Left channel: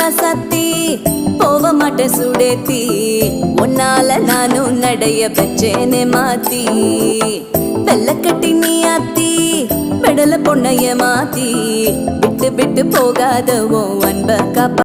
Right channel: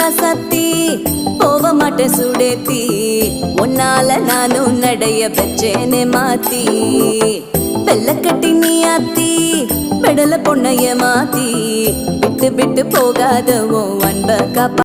ராசாத்தி போக மாட்டேன் சுடேத்தி உன்னால நானும் நடைய வச்சேனே மாத்தி வெள்ள கட்டி நீ ஆத்தி பெடல பொண்ணைய மாத்தி விட்டு விட்டு போகாத உன் அன்ப காப்பா